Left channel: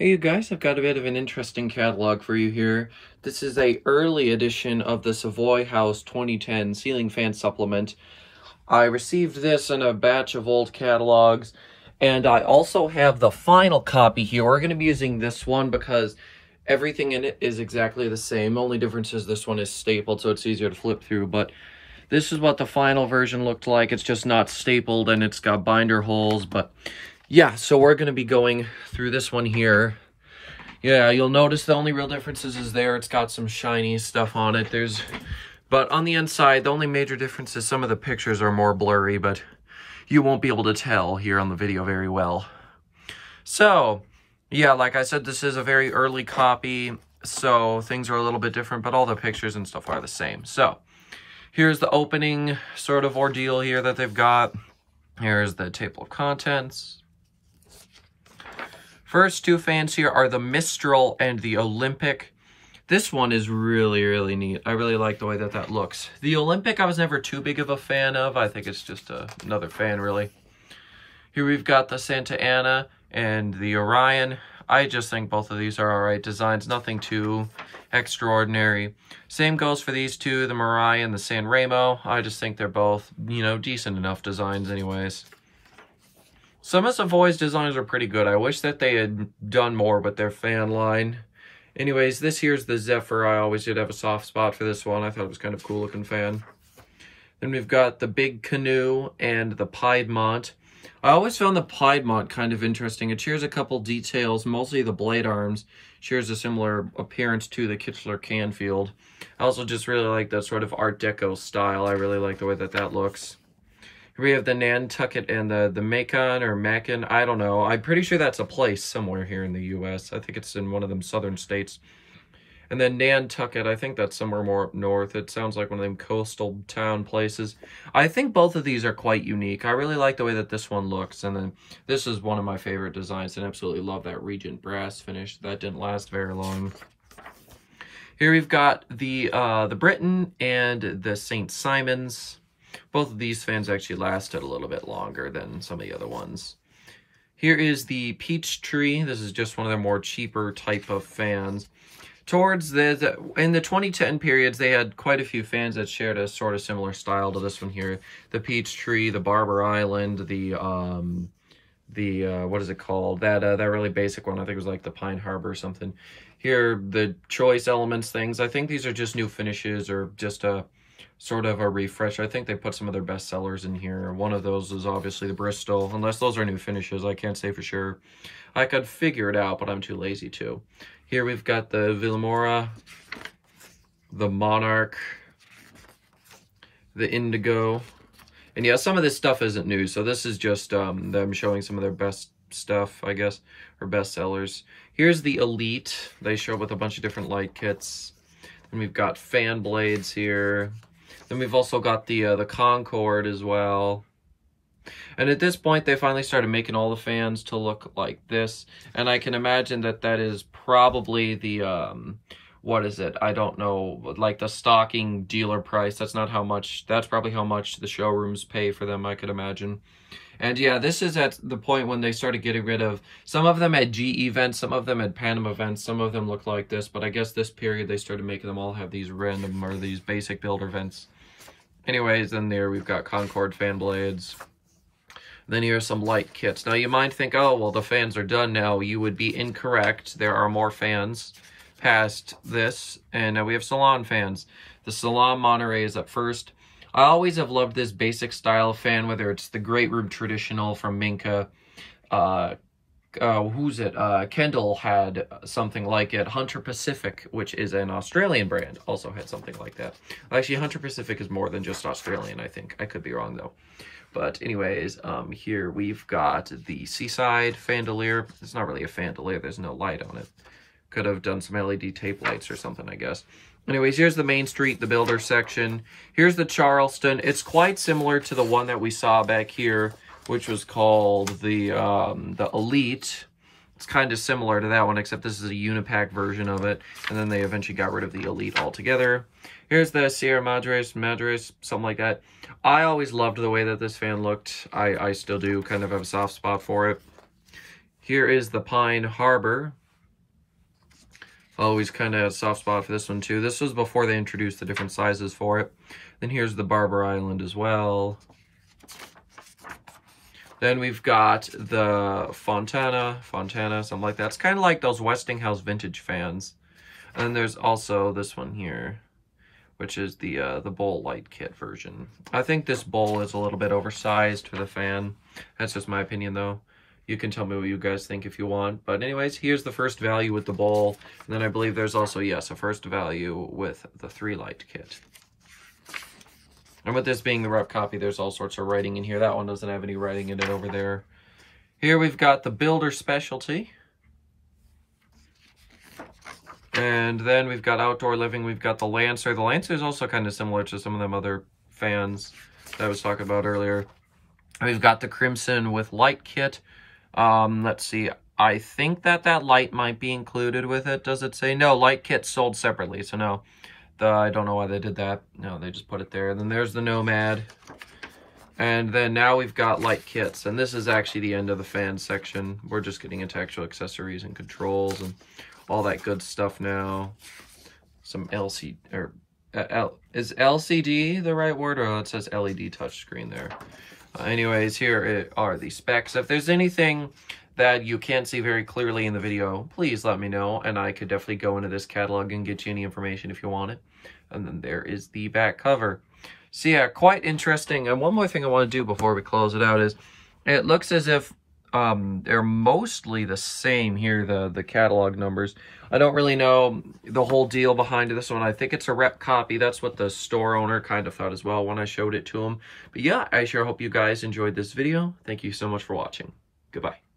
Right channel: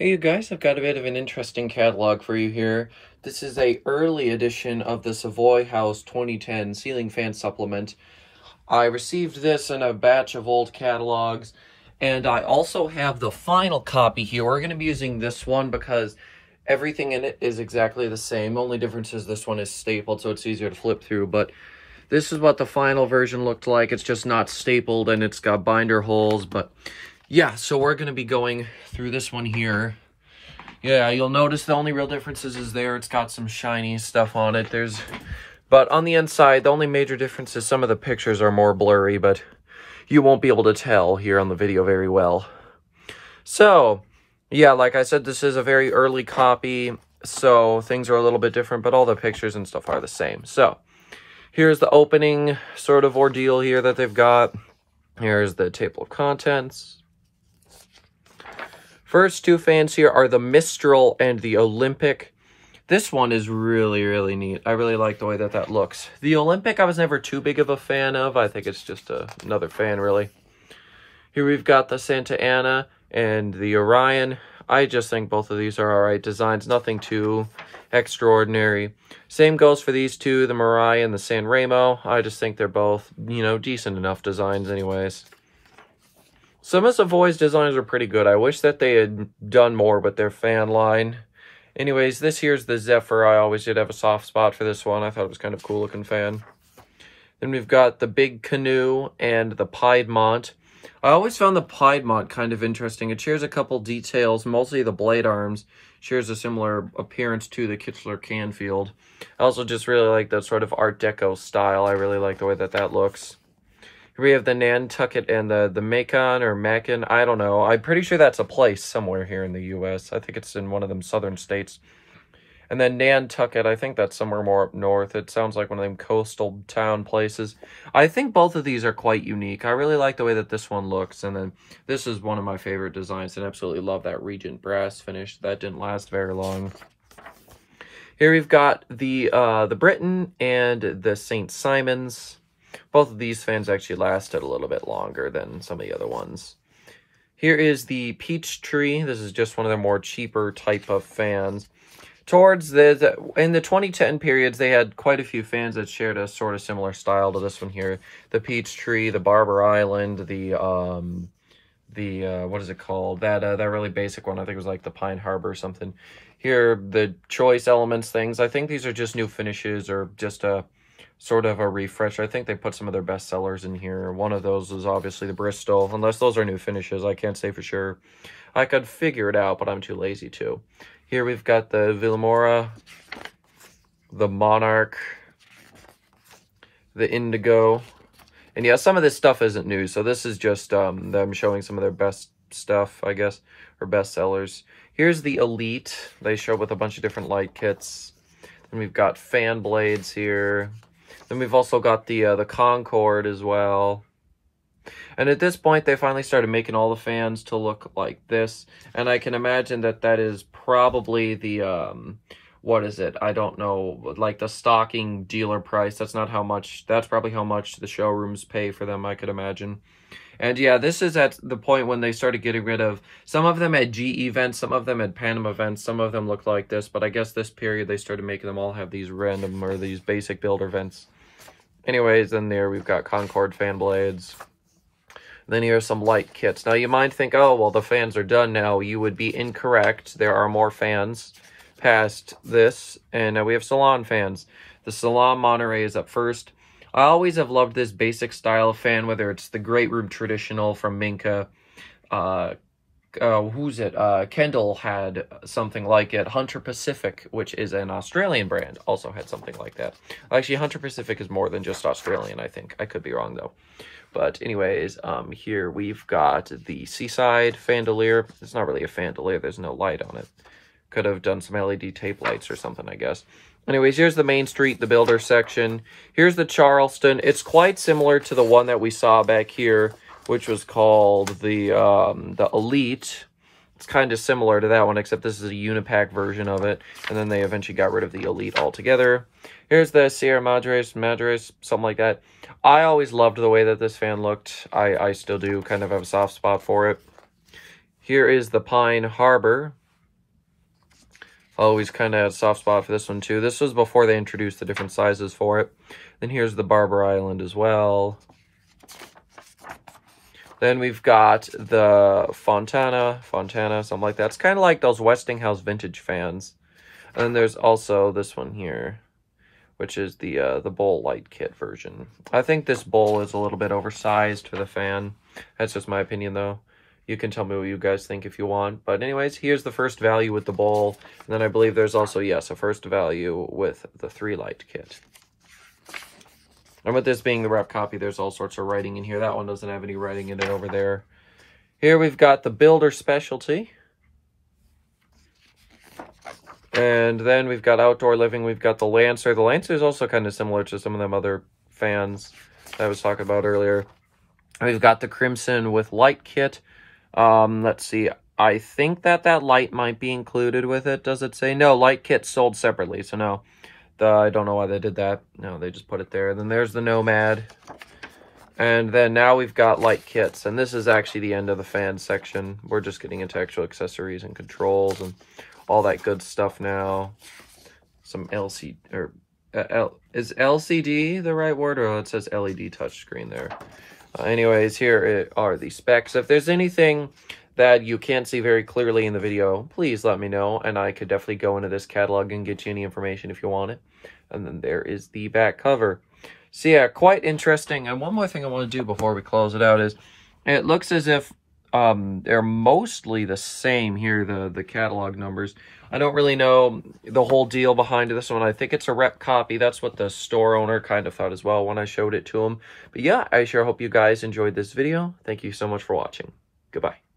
Hey you guys, I've got a bit of an interesting catalog for you here. This is a early edition of the Savoy House 2010 ceiling fan supplement. I received this in a batch of old catalogs, and I also have the final copy here. We're going to be using this one because everything in it is exactly the same. Only difference is this one is stapled, so it's easier to flip through, but this is what the final version looked like. It's just not stapled, and it's got binder holes, but yeah, so we're going to be going through this one here. Yeah, you'll notice the only real differences is there. It's got some shiny stuff on it. But on the inside, the only major difference is some of the pictures are more blurry, but you won't be able to tell here on the video very well. So, yeah, like I said, this is a very early copy, so things are a little bit different, but all the pictures and stuff are the same. So, here's the opening sort of ordeal here that they've got. Here's the table of contents. First two fans here are the Mistral and the Olympic. This one is really, really neat. I really like the way that looks. The Olympic I was never too big of a fan of. I think it's just another fan, really. Here we've got the Santa Ana and the Orion. I just think both of these are alright designs. Nothing too extraordinary. Same goes for these two, the Mariah and the San Remo. I just think they're both, decent enough designs anyways. Some of Savoy's designs are pretty good. I wish that they had done more with their fan line. Anyways, this here's the Zephyr. I always did have a soft spot for this one. I thought it was kind of cool looking fan. Then we've got the Big Canoe and the Piedmont. I always found the Piedmont kind of interesting. It shares a couple details, mostly the blade arms. Shares a similar appearance to the Kichler Canfield. I also just really like that sort of Art Deco style. I really like the way that looks. We have the Nantucket and the Macon or Macon. I don't know. I'm pretty sure that's a place somewhere here in the U.S. I think it's in one of them southern states. And then Nantucket, I think that's somewhere more up north. It sounds like one of them coastal town places. I think both of these are quite unique. I really like the way that this one looks. And then this is one of my favorite designs, and absolutely love that Regent brass finish. That didn't last very long. Here we've got the Britain and the St. Simons. Both of these fans actually lasted a little bit longer than some of the other ones. Here is the Peachtree. This is just one of their more cheaper type of fans. Towards in the 2010 periods, they had quite a few fans that shared a sort of similar style to this one here. The Peachtree, the Barber Island, the what is it called? That really basic one. I think it was like the Pine Harbor or something. Here, the Choice Elements things. I think these are just new finishes or just a sort of a refresh. I think they put some of their best sellers in here. One of those is obviously the Bristol, unless those are new finishes. I can't say for sure. I could figure it out, but I'm too lazy to. Here we've got the Villamora, the Monarch, the Indigo. And yeah, some of this stuff isn't new, so this is just them showing some of their best stuff, I guess, or best sellers. Here's the Elite. They show with a bunch of different light kits. And we've got fan blades here. Then we've also got the Concorde as well. And at this point, they finally started making all the fans to look like this. And I can imagine that is probably the, what is it? I don't know, like the stocking dealer price. That's probably how much the showrooms pay for them, I could imagine. And yeah, this is at the point when they started getting rid of, some of them had GE vents, some of them had Panama vents, some of them looked like this, but I guess this period they started making them all have these random or these basic builder vents. Anyways, then there we've got Concorde fan blades. Then here's some light kits. Now you might think, oh, well, the fans are done now. You would be incorrect. There are more fans past this, and we have salon fans. The Salon Monterey is up first. I always have loved this basic style of fan, whether it's the Great Room Traditional from Minka. Kendall had something like it. Hunter Pacific, which is an Australian brand, also had something like that. Actually, Hunter Pacific is more than just Australian, I think. I could be wrong, though. But anyways, here we've got the Seaside Fandelier. It's not really a Fandelier. There's no light on it. Could have done some LED tape lights or something, I guess. Anyways, here's the Main Street, the Builder section. Here's the Charleston. It's quite similar to the one that we saw back here, which was called the Elite. It's kind of similar to that one, except this is a Unipack version of it. And then they eventually got rid of the Elite altogether. Here's the Sierra Madres, something like that. I always loved the way that this fan looked. I still do kind of have a soft spot for it. Here is the Pine Harbor. Always kind of had a soft spot for this one too. This was before they introduced the different sizes for it. Then here's the Barber Island as well. Then we've got the Fontana, something like that. It's kind of like those Westinghouse vintage fans. And then there's also this one here, which is the bowl light kit version. I think this bowl is a little bit oversized for the fan. That's just my opinion, though. You can tell me what you guys think if you want. But anyways, here's the first value with the bowl. And then I believe there's also, yes, a first value with the 3-light kit. And with this being the rep copy, there's all sorts of writing in here. That one doesn't have any writing in it over there. Here we've got the Builder Specialty. And then we've got Outdoor Living. We've got the Lancer. The Lancer is also kind of similar to some of them other fans that I was talking about earlier. We've got the Crimson with light kit. Let's see. I think that light might be included with it. Does it say? No, light kit sold separately. So no, I don't know why they did that. No, they just put it there. Then there's the Nomad. And then now we've got light kits. And this is actually the end of the fan section. We're just getting into actual accessories and controls and all that good stuff now. Some LCD, or is LCD the right word? Or it says LED touchscreen there. Anyways, here are the specs. If there's anything that you can't see very clearly in the video, please let me know, and I could definitely go into this catalog and get you any information if you want it. And then there is the back cover. So yeah, quite interesting. And one more thing I want to do before we close it out is, it looks as if they're mostly the same here, the catalog numbers. I don't really know the whole deal behind this one. I think it's a rep copy. That's what the store owner kind of thought as well when I showed it to him. But yeah, I sure hope you guys enjoyed this video. Thank you so much for watching. Goodbye.